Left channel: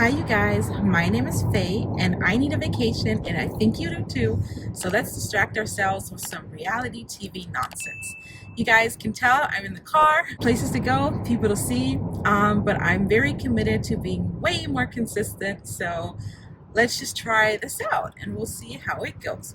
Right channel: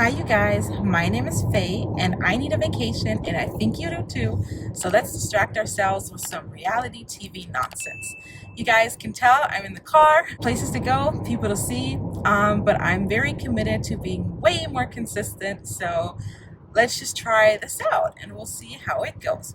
Hi, you guys. My name is Faye, and I need a vacation, and I think you do too. So let's distract ourselves with some reality TV nonsense. You guys can tell I'm in the car, places to go, people to see, but I'm very committed to being way more consistent. So let's just try this out, and we'll see how it goes.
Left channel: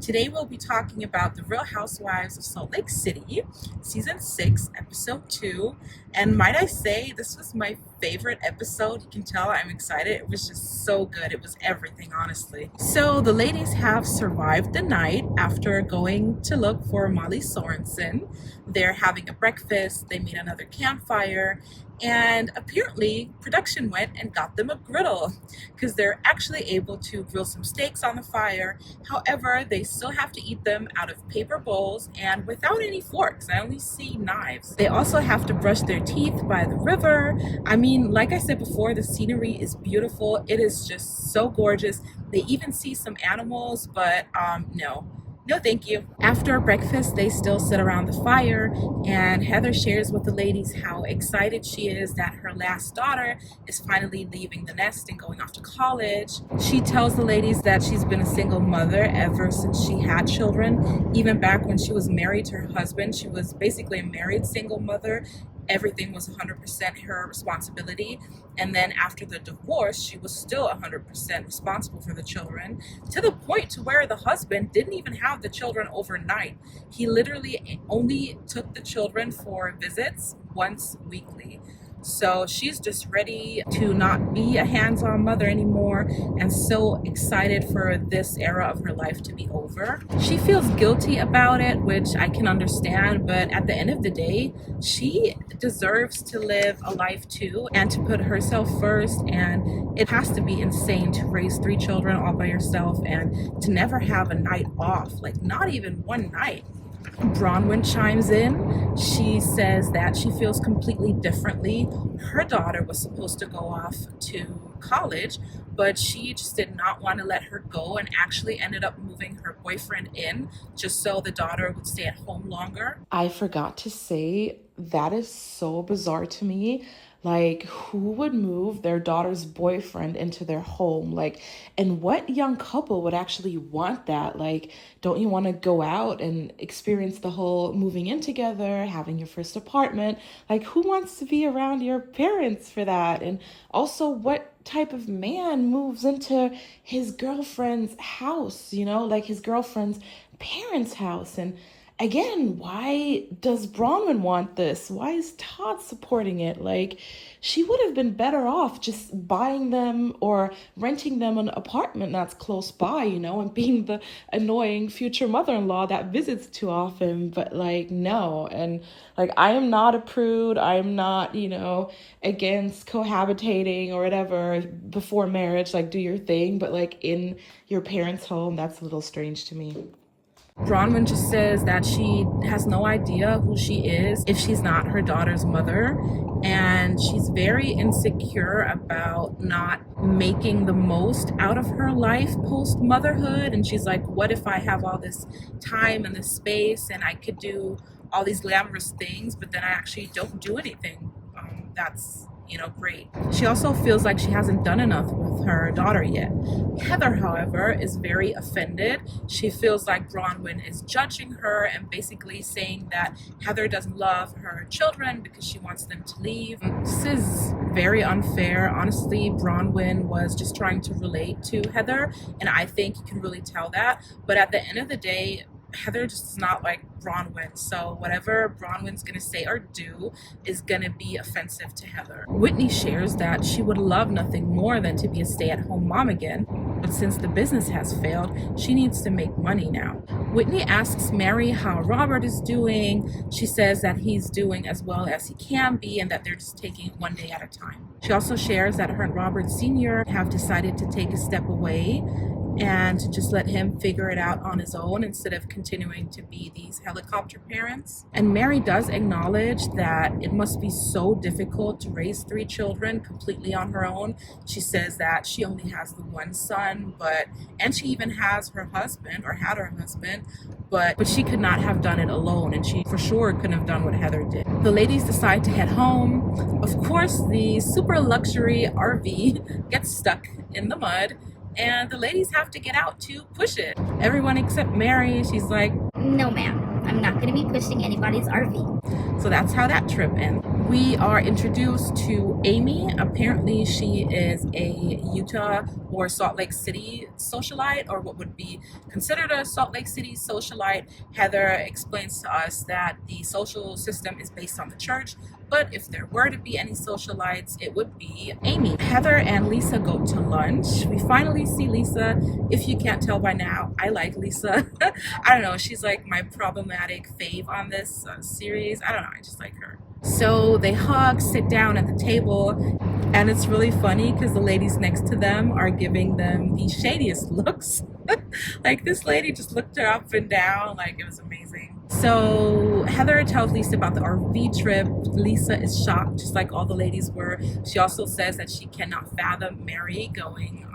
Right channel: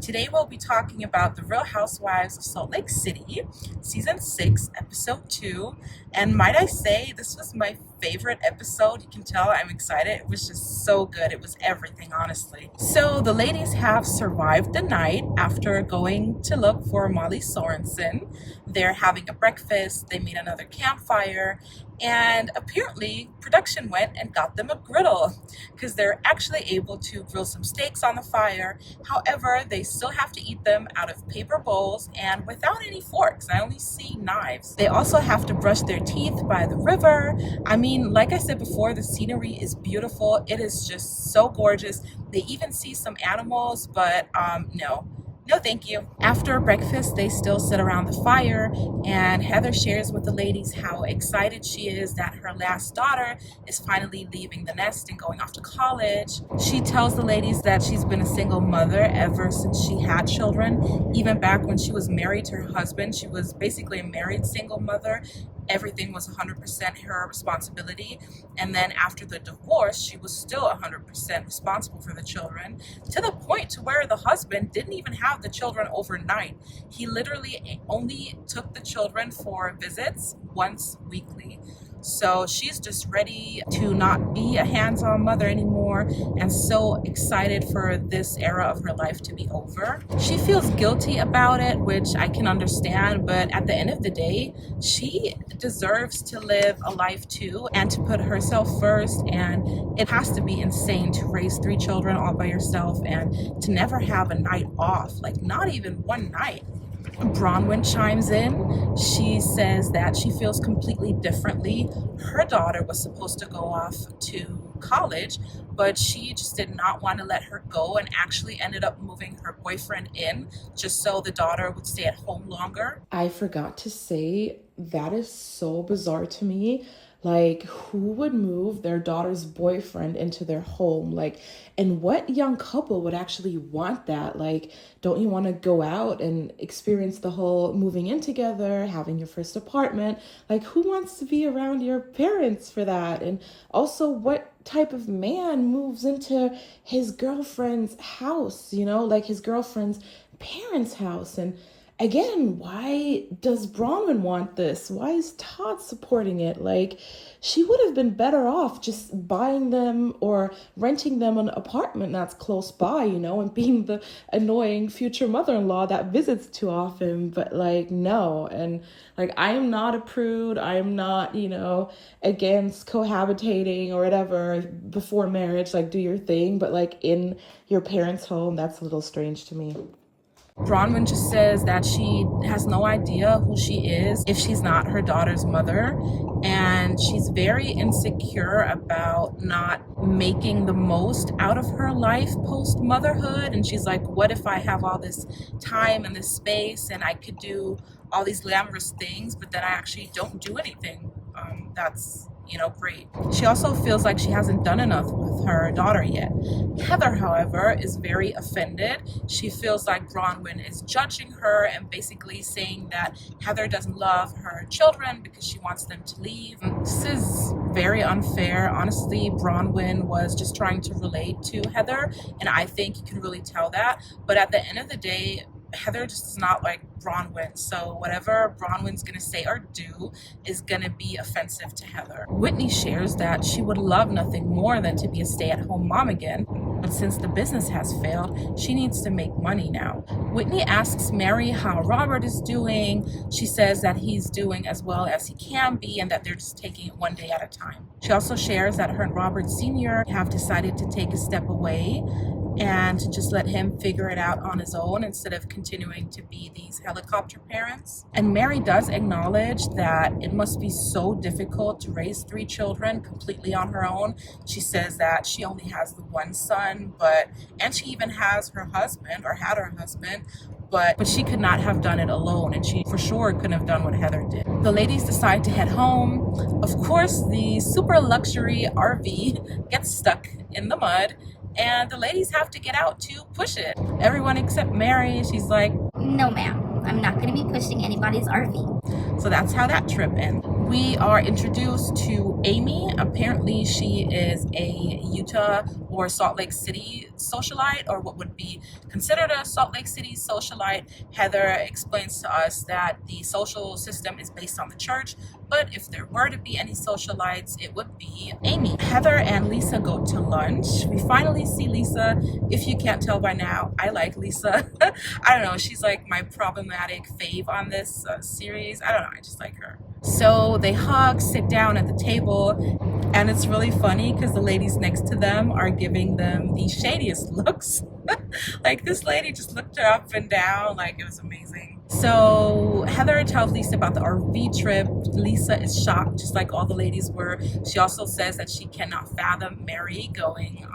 Today we'll be talking about the Real Housewives of Salt Lake City, Season 6, Episode 2. And might I say, this was my favorite episode. You can tell I'm excited. It was just so good. It was everything, honestly. So the ladies have survived the night after going to look for Molly Sorensen. They're having a breakfast. They made another campfire. And apparently production went and got them a griddle because they're actually able to grill some steaks on the fire. However, they still have to eat them out of paper bowls and without any forks. I only see knives. They also have to brush their teeth by the river. I mean, like I said before, the scenery is beautiful. It is just so gorgeous. They even see some animals, but no, thank you. After breakfast, they still sit around the fire, and Heather shares with the ladies how excited she is that her last daughter is finally leaving the nest and going off to college. She tells the ladies that she's been a single mother ever since she had children. Even back when she was married to her husband, she was basically a married single mother. Everything was 100% her responsibility. And then after the divorce, she was still 100% responsible for the children, to the point to where the husband didn't even have the children overnight. He literally only took the children for visits once weekly. So she's just ready to not be a hands-on mother anymore and so excited for this era of her life to be over. She feels guilty about it, which I can understand, but at the end of the day, she deserves to live a life too and to put herself first. And it has to be insane to raise 3 children all by yourself and to never have a night off, like not even one night. Bronwyn chimes in. She says that she feels completely differently. Her daughter was supposed to go off to college, but she just did not want to let her go and actually ended up moving her boyfriend in just so the daughter would stay at home longer. I forgot to say, that is so bizarre to me. Like, who would move their daughter's boyfriend into their home? Like, and what young couple would actually want that? Like, don't you want to go out and experience the whole moving in together, having your first apartment? Like, who wants to be around your parents for that? And also, what type of man moves into his girlfriend's house, like his girlfriend's parents' house? And again, why does Bronwyn want this? Why is Todd supporting it? Like, she would have been better off just buying them or renting them an apartment that's close by, and being the annoying future mother-in-law that visits too often. But like, no. And like, I am not a prude. I am not, against cohabitating or whatever before marriage. Like, do your thing. But like, in your parents' home, that's a little strange to me. Bronwyn just says that she has no idea who she is if she's not her daughter's mother. And she's very insecure about not making the most out of her life post-motherhood. And she's like, what if I have all this time and this space and I could do all these glamorous things, but then I actually don't do anything? That's great. She also feels like she hasn't done enough with her daughter yet. Heather, however, is very offended. She feels like Bronwyn is judging her and basically saying that Heather doesn't love her children because she wants them to leave. This is very unfair. Honestly, Bronwyn was just trying to relate to Heather, and I think you can really tell that. But at the end of the day, Heather just is not like Bronwyn, so whatever Bronwyn's gonna say or do is gonna be offensive to Heather. Whitney shares that she would love nothing more than to be a stay-at-home mom again, but since the business has failed, she needs to make money now. Whitney asks Mary how Robert is doing. She says that he's doing as well as he can be and that they're just taking it one day at a time. She also shares that her and Robert Sr. have decided to take a step away and to just let him figure it out on his own instead of continuing to be these helicopter parents. And Mary does acknowledge that it must be so difficult to raise 3 children completely on her own. She says that she only has the one son, and she even has her husband, or had her husband, but she could not have done it alone, and she for sure couldn't have done what Heather did. The ladies decide to head home. Of course, the super luxury RV gets stuck in the mud, and the ladies have to get out to push it. Everyone except Mary, she's like, no ma'am, I'm not going to be pushing anybody's RV. So that's how that trip ends. We are introduced to Amy. Apparently she is a Utah or Salt Lake City socialite, or what would be considered a Salt Lake City socialite. Heather explains to us that the social system is based on the church, but if there were to be any socialites, it would be Amy. Heather and Lisa go to lunch. We finally see Lisa. If you can't tell by now, I like Lisa. I don't know, she's like my problematic fave on this series. I don't know, I just like her. So they hug, sit down at the table, and it's really funny because the ladies next to them are giving them the shadiest looks. Like, this lady just looked her up and down, like it was amazing. So Heather tells Lisa about the RV trip. Lisa is shocked, just like all the ladies were. She also says that she cannot fathom Mary going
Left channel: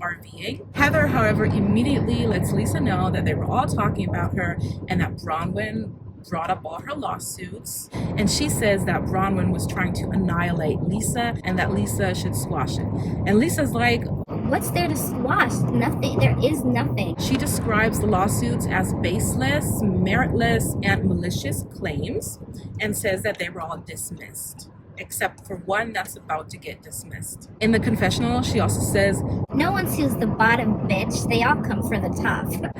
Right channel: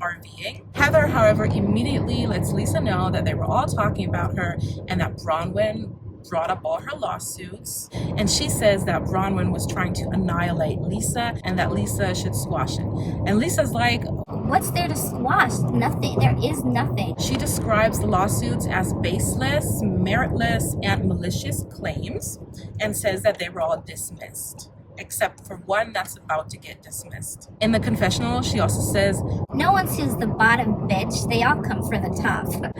RVing. Heather, however, immediately lets Lisa know that they were all talking about her and that Bronwyn brought up all her lawsuits, and she says that Bronwyn was trying to annihilate Lisa and that Lisa should squash it. And Lisa's like, what's there to squash? Nothing. There is nothing. She describes the lawsuits as baseless, meritless, and malicious claims, and says that they were all dismissed, except for one that's about to get dismissed. In the confessional, she also says, no one sues the bottom bitch, they all come for the top.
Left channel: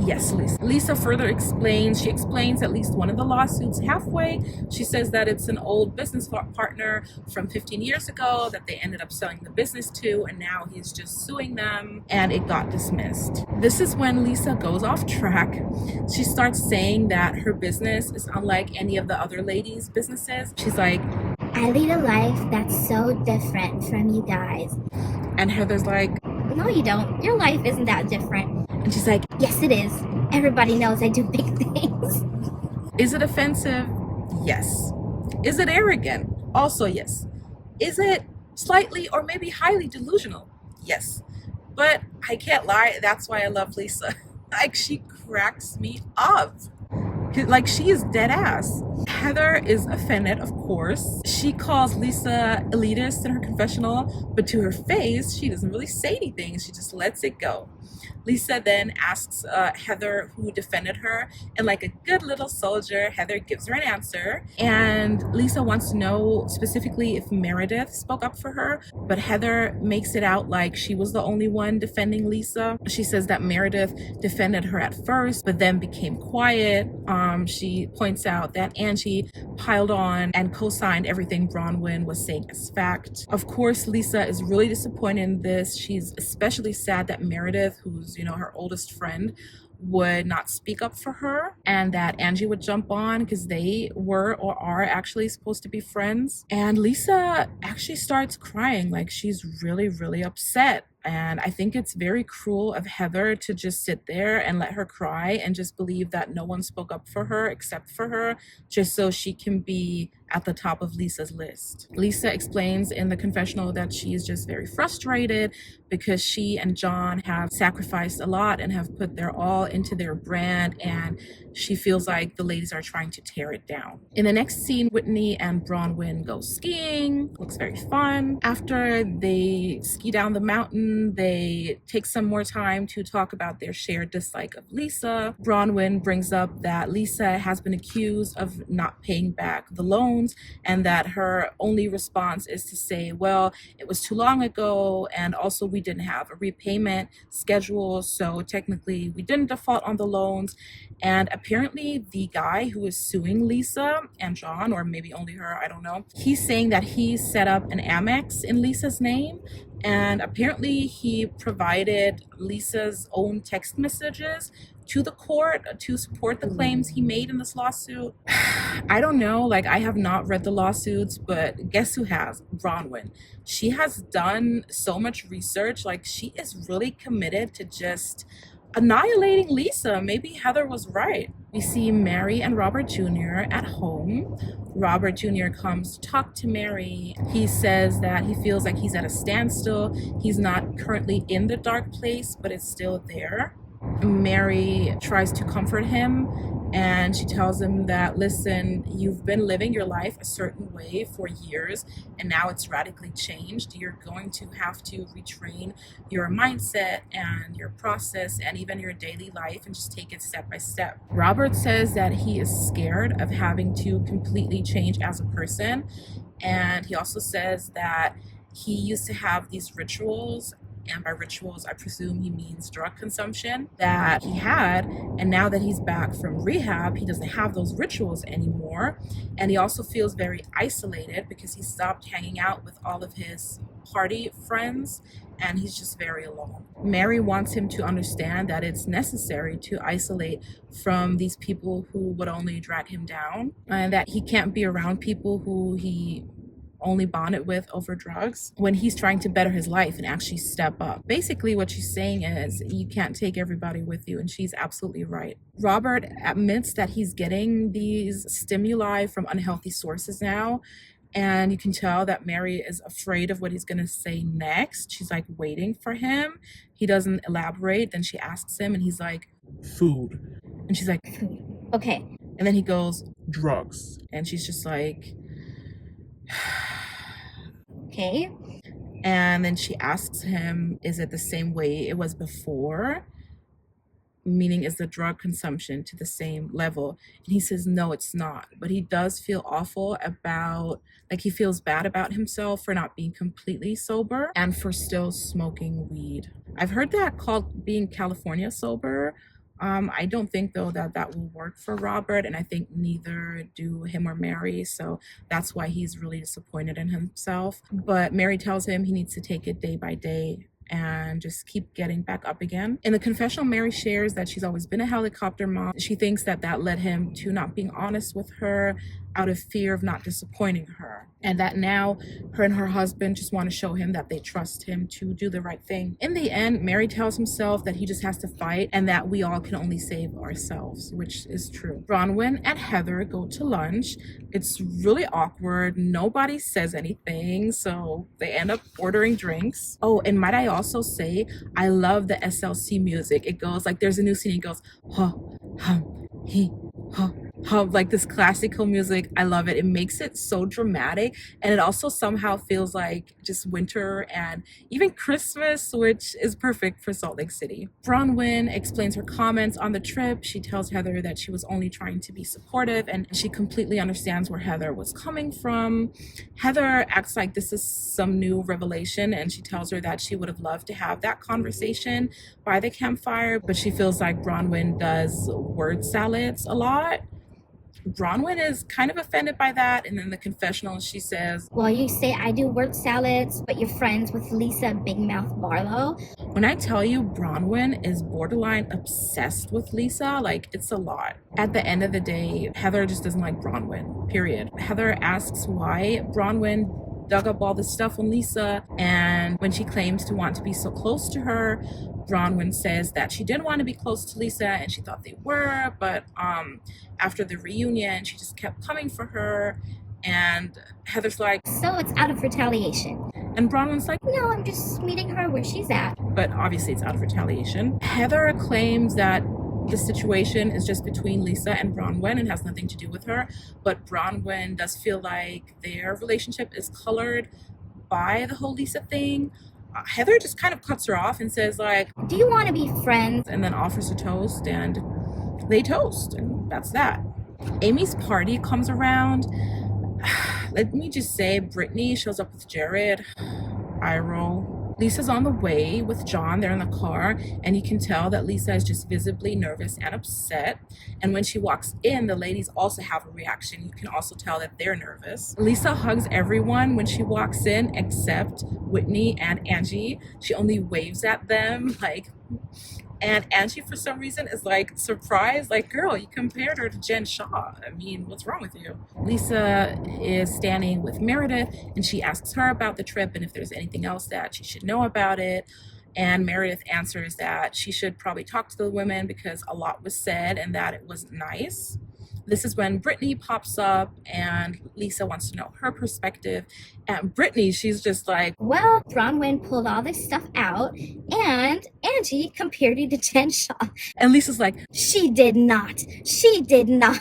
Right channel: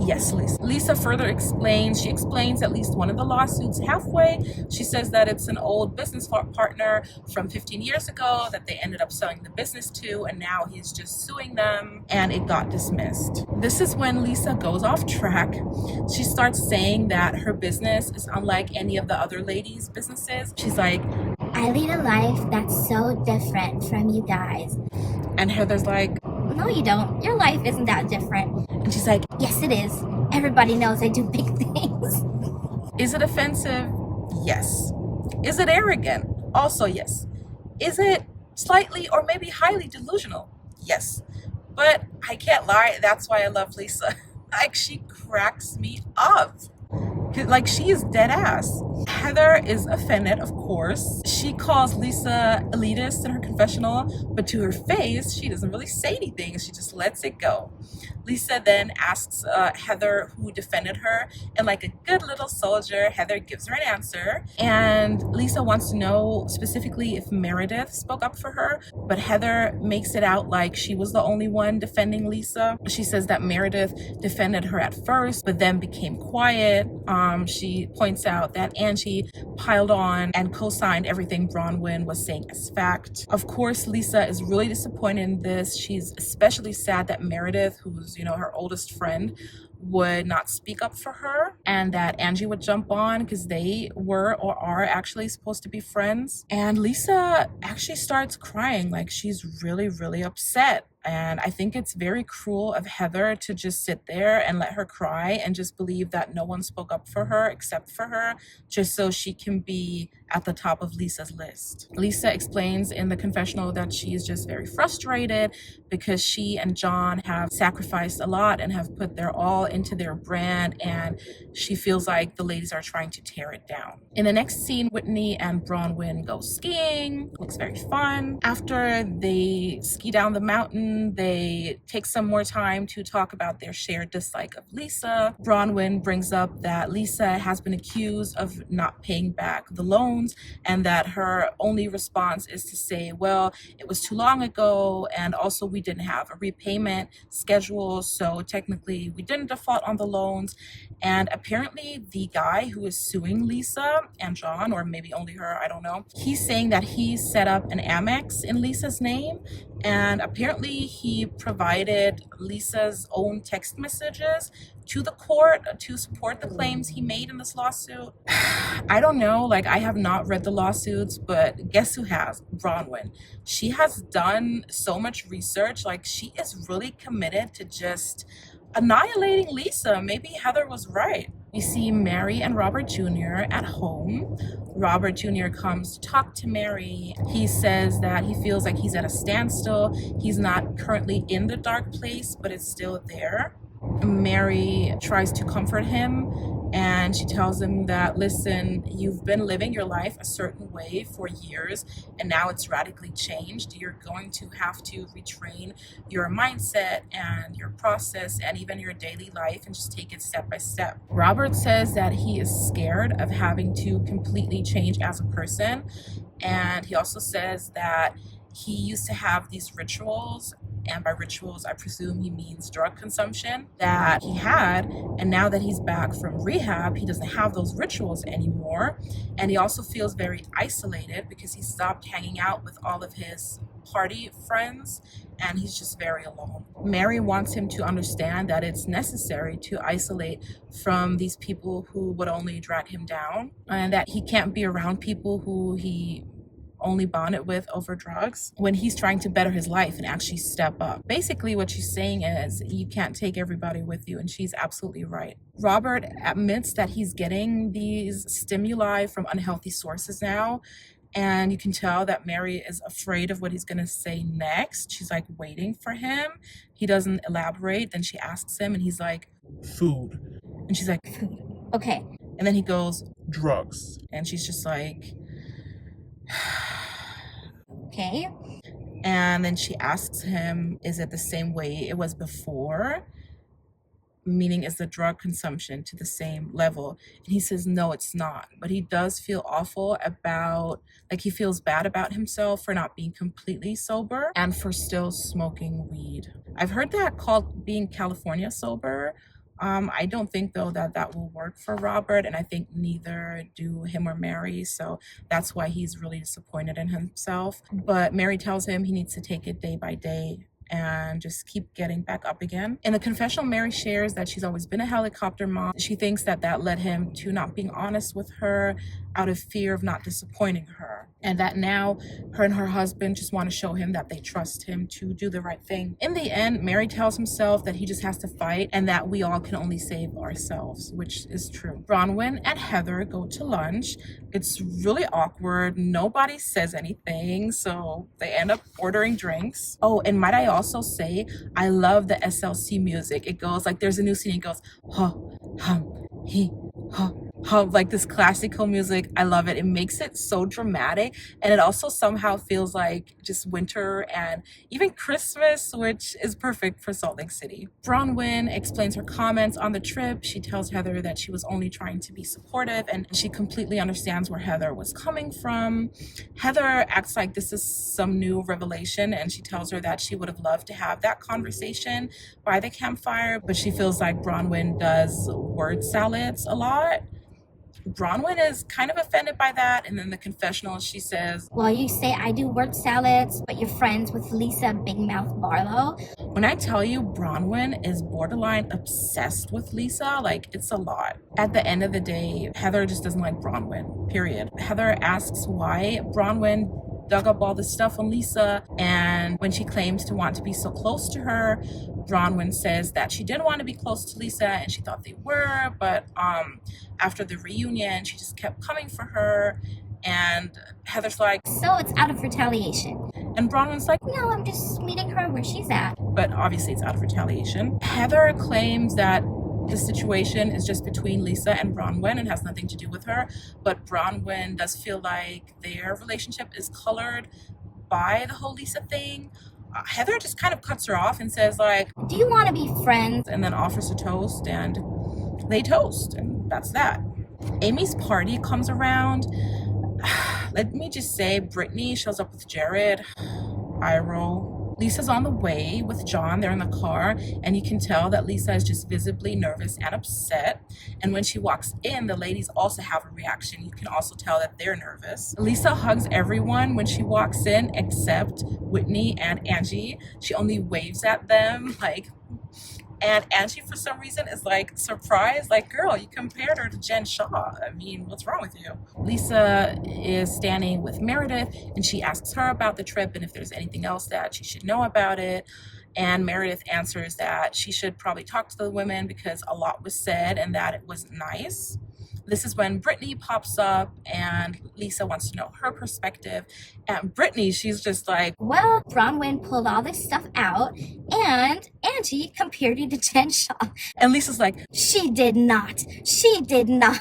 Yes, Lisa. Lisa further explains, she explains at least one of the lawsuits halfway. She says that it's an old business partner from 15 years ago that they ended up selling the business to, and now he's just suing them, and it got dismissed. This is when Lisa goes off track. She starts saying that her business is unlike any of the other ladies' businesses. She's like, I lead a life that's so different from you guys. And Heather's like, no you don't, your life isn't that different. And she's like, yes it is, everybody knows I do big things. Is it offensive? Yes. Is it arrogant? Also yes. Is it slightly or maybe highly delusional? Yes. But I can't lie, that's why I love Lisa. Like, she cracks me up. Like, she is dead ass. Heather is offended, of course. She calls Lisa elitist in her confessional, but to her face, she doesn't really say anything. She just lets it go. Lisa then asks Heather who defended her, and like a good little soldier, Heather gives her an answer. And Lisa wants to know specifically if Meredith spoke up for her, but Heather makes it out like she was the only one defending Lisa. She says that Meredith defended her at first, but then became quiet. She points out that Angie piled on and co-signed everything Bronwyn was saying as fact. Of course, Lisa is really disappointed in this. She's especially sad that Meredith, who's, her oldest friend, would not speak up for her, and that Angie would jump on because they were or are actually supposed to be friends. And Lisa actually starts crying, like she's really, really upset. And I think it's very cruel of Heather to just sit there and let her cry and just believe that no one spoke up for her except for her, just so she can be at the top of Lisa's list. Lisa explains in the confessional that she's just very frustrated because she and John have sacrificed a lot and have put their all into their brand, and she feels like the ladies are trying to tear it down. In the next scene, Whitney and Bronwyn go skiing. Looks very fun. After they ski down the mountain, they take some more time to talk about their shared dislike of Lisa. Bronwyn brings up that Lisa has been accused of not paying back the loans, and that her only response is to say, well, it was too long ago, and also we didn't have a repayment schedule, so technically we didn't default on the loans. And apparently the guy who is suing Lisa and John, or maybe only her, I don't know, he's saying that he set up an Amex in Lisa's name, and apparently he provided Lisa's own text messages to the court to support the claims he made in this lawsuit? I don't know. Like, I have not read the lawsuits, but guess who has? Bronwyn. She has done so much research. Like, she is really committed to just annihilating Lisa. Maybe Heather was right. We see Mary and Robert Jr. at home. Robert Jr. comes to talk to Mary. He says that he feels like he's at a standstill. He's not currently in the dark place, but it's still there. Mary tries to comfort him, and she tells him that, listen, you've been living your life a certain way for years, and now it's radically changed. You're going to have to retrain your mindset and your process and even your daily life and just take it step by step. Robert says that he is scared of having to completely change as a person, and he also says that he used to have these rituals, and by rituals, I presume he means drug consumption, that he had. And now that he's back from rehab, he doesn't have those rituals anymore. And he also feels very isolated because he stopped hanging out with all of his party friends, and he's just very alone. Mary wants him to understand that it's necessary to isolate from these people who would only drag him down, and that he can't be around people who he only bonded with over drugs when he's trying to better his life and actually step up. Basically, what she's saying is you can't take everybody with you, and she's absolutely right. Robert admits that he's getting these stimuli from unhealthy sources now, and you can tell that Mary is afraid of what he's going to say next. She's like waiting for him. He doesn't elaborate. Then she asks him, and he's like, food. And she's like, food. Okay. And then he goes, drugs. and she's just like, Okay. and then she asks him, is it the same way it was before? Meaning, is the drug consumption to the same level? And he says, no, it's not. But he does feel awful about, like, he feels bad about himself for not being completely sober and for still smoking weed. I've heard that called being California sober. I don't think, though, that that will work for Robert, and I think neither do him or Mary, so that's why he's really disappointed in himself. But Mary tells him he needs to take it day by day and just keep getting back up again. In the confessional, Mary shares that she's always been a helicopter mom. She thinks that that led him to not being honest with her out of fear of not disappointing her, and that now her and her husband just want to show him that they trust him to do the right thing. In the end, Mary tells himself that he just has to fight and that we all can only save ourselves, which is true. Bronwyn and Heather go to lunch. It's really awkward. Nobody says anything, so they end up ordering drinks. Oh, and might I also say, I love the SLC music. It goes like, there's a new scene, it goes, ha, hum, he, ha, like this classical music. I love it. It makes it so dramatic, and it also somehow feels like just winter and even Christmas, which is perfect for Salt Lake City. Bronwyn explains her comments on the trip. She tells Heather that she was only trying to be supportive, and she completely understands where Heather was coming from. Heather acts like this is some new revelation, and she tells her that she would have loved to have that conversation by the campfire, but she feels like Bronwyn does word salads a lot. Bronwyn is kind of offended by that, and in the confessional she says, Well, you say I do word salads, but you're friends with Lisa Big Mouth Barlow. when I tell you Bronwyn is borderline obsessed with Lisa, like, it's a lot. At the end of the day, Heather just doesn't like Bronwyn, period. Heather asks why Bronwyn dug up all this stuff on Lisa, and when she claims to want to be so close to her, Bronwyn says that she didn't want to be close to Lisa and she thought they were, but after the reunion, she just kept coming for her, and Heather's like, So it's out of retaliation. and Bronwyn's like, No, I'm just meeting her where she's at. but obviously it's out of retaliation. Heather claims that the situation is just between Lisa and Bronwyn and has nothing to do with her, but Bronwyn does feel like their relationship is colored by the whole Lisa thing. Heather just kind of cuts her off and says, like, Do you want to be friends? and then offers a toast, and they toast, and that's that. Amy's party comes around. Let me just say, Brittany shows up with Jared. Eye roll. Lisa's on the way with John. They're in the car, and you can tell that Lisa is just visibly nervous and upset. And when she walks in, the ladies also have a reaction. You can also tell that they're nervous. Lisa hugs everyone when she walks in except Whitney and Angie. She only waves at them like, And Angie, for some reason, is like surprised, like, girl, you compared her to Jen Shaw. I mean, what's wrong with you? Lisa is standing with Meredith and she asks her about the trip and if there's anything else that she should know about it. And Meredith answers that she should probably talk to the women because a lot was said and that it wasn't nice. This is when Brittany pops up and Lisa wants to know her perspective. And Brittany, she's just like, well, Bronwyn pulled all this stuff out and Angie compared you to Jen Shaw. and Lisa's like, She did not. She did not.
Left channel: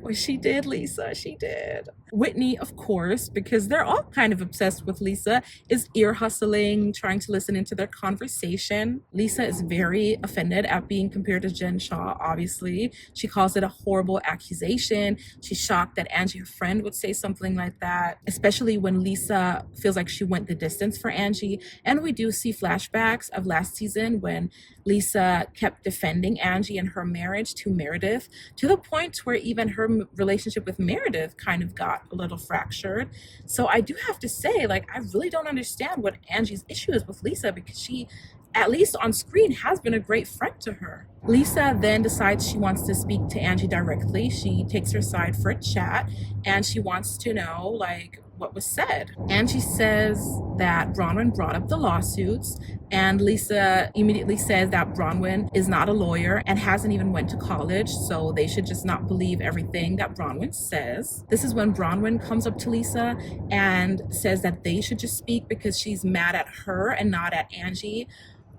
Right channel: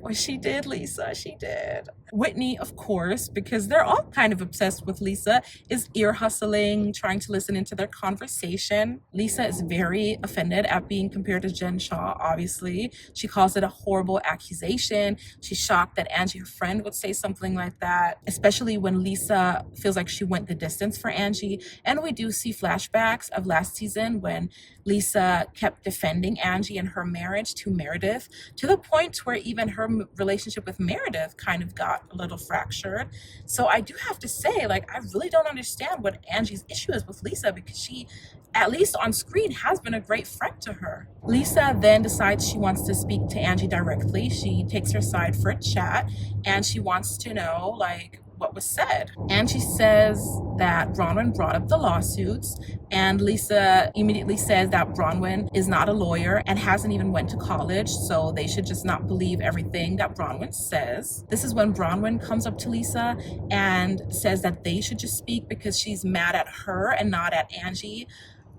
well, she did, Lisa, she did. Whitney, of course, because they're all kind of obsessed with Lisa, is ear hustling, trying to listen into their conversation. Lisa is very offended at being compared to Jen Shaw, obviously. She calls it a horrible accusation. She's shocked that Angie, her friend, would say something like that, especially when Lisa feels like she went the distance for Angie. And we do see flashbacks of last season when Lisa kept defending Angie and her marriage to Meredith, to the point where even her relationship with Meredith kind of got a little fractured. So I do have to say, like, I really don't understand what Angie's issue is with Lisa, because she, at least on screen, has been a great friend to her. Lisa then decides she wants to speak to Angie directly. She takes her side for a chat and she wants to know, like, what was said. Angie says that Bronwyn brought up the lawsuits, and Lisa immediately says that Bronwyn is not a lawyer and hasn't even went to college, so they should just not believe everything that Bronwyn says. This is when Bronwyn comes up to Lisa and says that they should just speak because she's mad at her and not at Angie,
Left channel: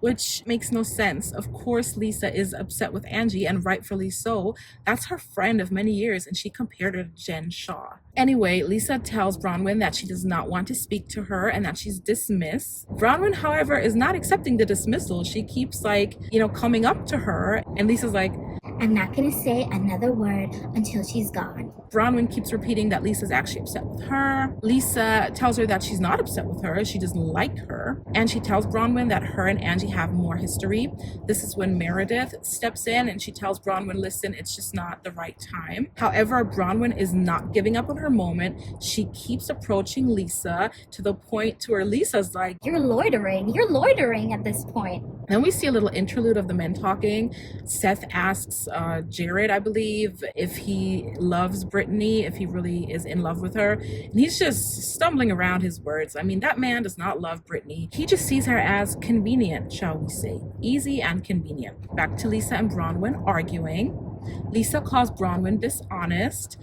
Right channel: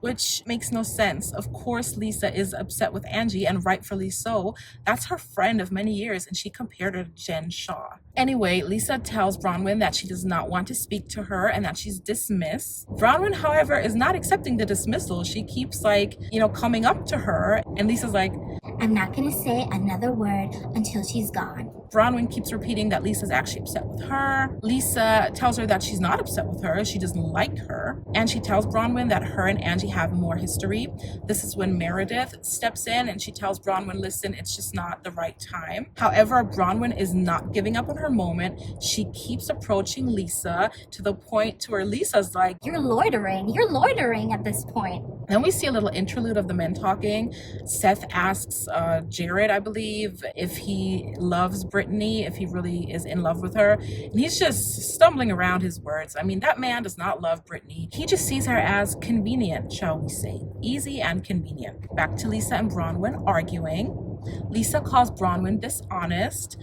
which makes no sense. Of course, Lisa is upset with Angie, and rightfully so. That's her friend of many years, and she compared her to Jen Shaw. Anyway, Lisa tells Bronwyn that she does not want to speak to her and that she's dismissed. Bronwyn, however, is not accepting the dismissal. She keeps, like, coming up to her, and Lisa's like, I'm not gonna say another word until she's gone. Bronwyn keeps repeating that Lisa's actually upset with her. Lisa tells her that she's not upset with her, she doesn't like her. And she tells Bronwyn that her and Angie have more history. This is when Meredith steps in and she tells Bronwyn, listen, it's just not the right time. However, Bronwyn is not giving up on her moment. She keeps approaching Lisa to the point to where Lisa's like, You're loitering at this point. Then we see a little interlude of the men talking. Seth asks Jared, I believe, if he loves Brittany, if he really is in love with her. And he's just stumbling around his words. I mean, that man does not love Brittany. He just sees her as convenient, shall we say. Easy and convenient. Back to Lisa and Bronwyn arguing. Lisa calls Bronwyn dishonest.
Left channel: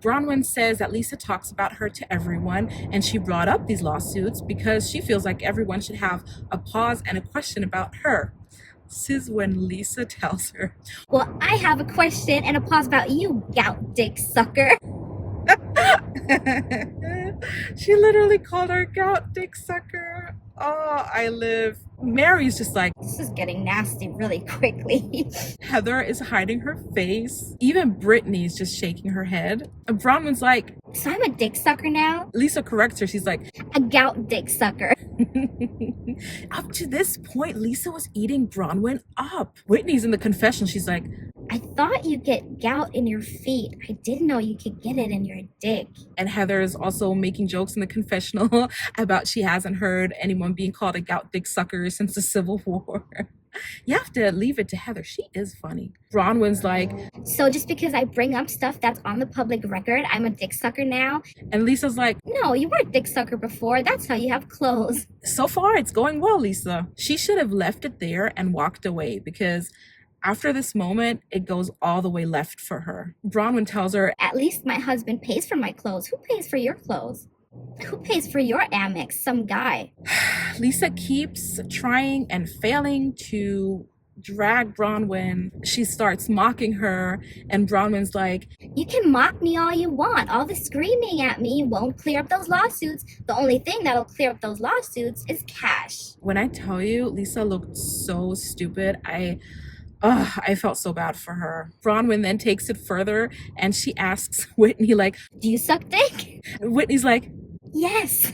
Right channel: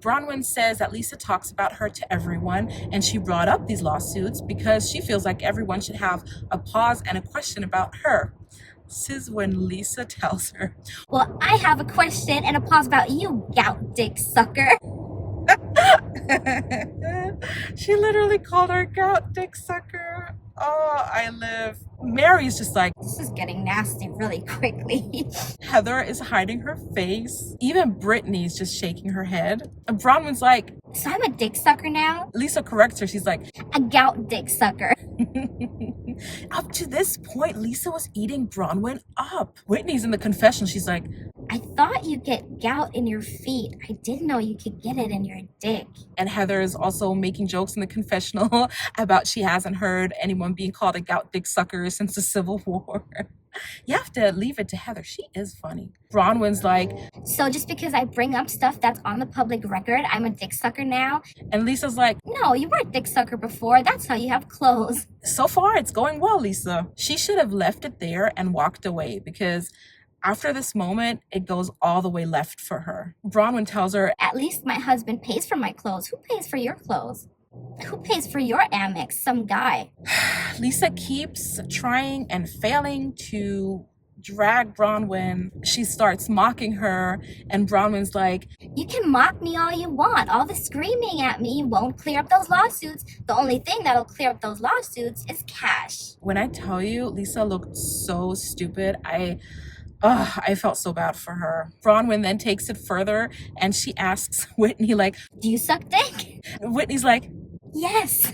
Bronwyn says that Lisa talks about her to everyone, and she brought up these lawsuits because she feels like everyone should have a pause and a question about her. This is when Lisa tells her, well, I have a question and a pause about you, gout dick sucker. She literally called her gout dick sucker. Oh, I live. Mary's just like, this is getting nasty really quickly. Heather is hiding her face. Even Brittany's just shaking her head. And Bronwyn's like, so I'm a dick sucker now? Lisa corrects her. She's like, a gout dick sucker. Up to this point, Lisa was eating Bronwyn up. Whitney's in the confessional. She's like, I thought you get gout in your feet. I didn't know you could get it in your dick. And Heather's also making jokes in the confessional about she hasn't heard anyone being called a gout dick sucker since the Civil War. You have to leave it to Heather. She is funny. Bronwyn's like, so just because I bring up stuff that's on the public record, I'm a dick sucker now? And Lisa's like, no, you were a dick sucker before. That's how you have clothes. So far, it's going well, Lisa. She should have left it there and walked away, because after this moment, it goes all the way left for her. Bronwyn tells her, at least my husband pays for my clothes. Who pays for your clothes? Who pays for your Amex? Some guy. Lisa keeps trying and failing to drag Bronwyn. She starts mocking her, and Bronwyn's like, you can mock me all you want. All the screaming at me won't clear up those lawsuits. The only thing that'll clear up those lawsuits is cash. When I tell you, Lisa looked so stupid. I felt so bad for her. Bronwyn then takes it further and she asks Whitney, like, do you suck dick? Whitney's like, yes.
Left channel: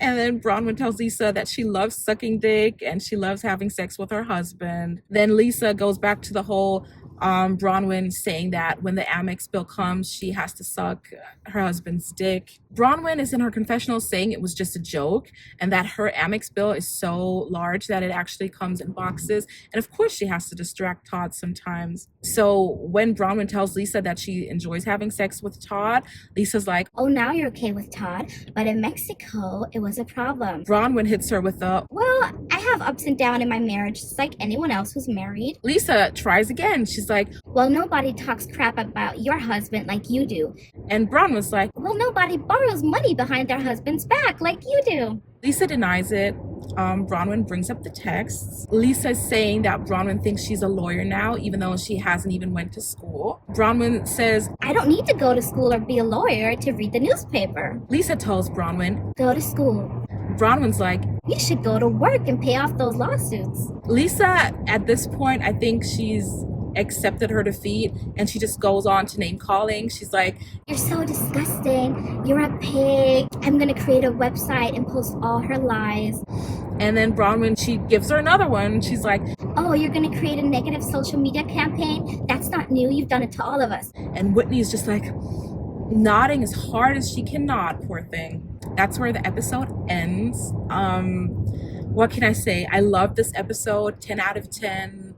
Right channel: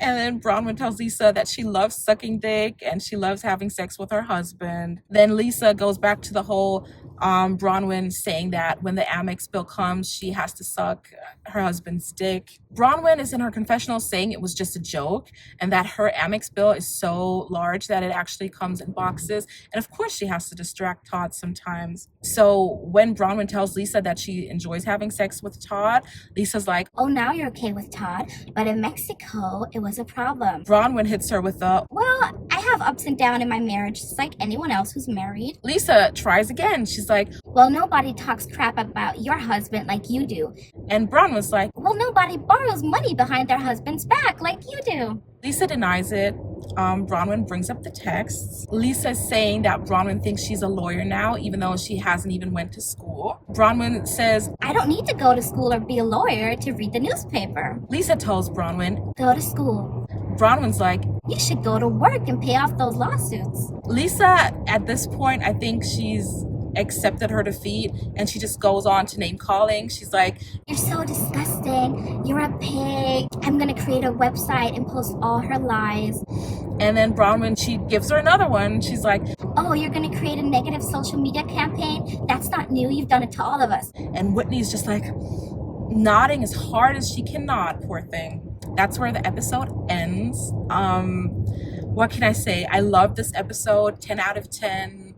And then Bronwyn tells Lisa that she loves sucking dick and she loves having sex with her husband. Then Lisa goes back to the whole Bronwyn saying that when the Amex bill comes, she has to suck her husband's dick. Bronwyn is in her confessional saying it was just a joke and that her Amex bill is so large that it actually comes in boxes. And of course she has to distract Todd sometimes. So when Bronwyn tells Lisa that she enjoys having sex with Todd, Lisa's like, oh, now you're okay with Todd, but in Mexico, it was a problem. Bronwyn hits her with a, well, I have ups and downs in my marriage, just like anyone else who's married. Lisa tries again. She's like, well, nobody talks crap about your husband like you do. And Bronwyn's like, well, nobody borrows money behind their husband's back like you do. Lisa denies it. Bronwyn brings up the texts. Lisa's saying that Bronwyn thinks she's a lawyer now, even though she hasn't even went to school. Bronwyn says, I don't need to go to school or be a lawyer to read the newspaper. Lisa tells Bronwyn, go to school. Bronwyn's like, you should go to work and pay off those lawsuits. Lisa, at this point, I think she's accepted her defeat and she just goes on to name calling. She's like, you're so disgusting, you're a pig, I'm gonna create a website and post all her lies. And then Bronwyn, she gives her another one. She's like, oh, you're gonna create a negative social media campaign? That's not new, you've done it to all of us. And Whitney's just like nodding as hard as she can nod, poor thing. That's where the episode ends. What can I say? I love this episode, 10 out of 10.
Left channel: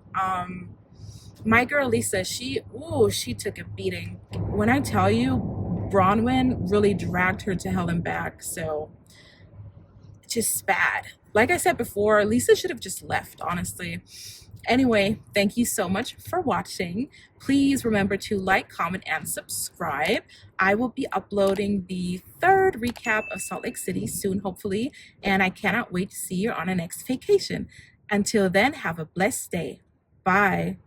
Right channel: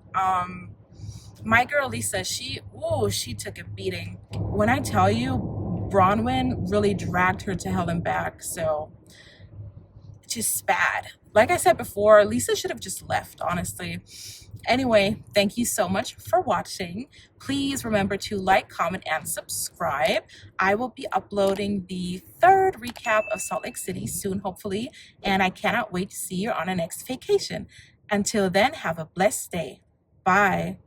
My girl Lisa, she took a beating. When I tell you, Bronwyn really dragged her to hell and back. So just bad. Like I said before, Lisa should have just left, honestly. Anyway, thank you so much for watching. Please remember to like, comment, and subscribe. I will be uploading the 3rd recap of Salt Lake City soon, hopefully, and I cannot wait to see you on our next vacation. Until then, have a blessed day. Bye.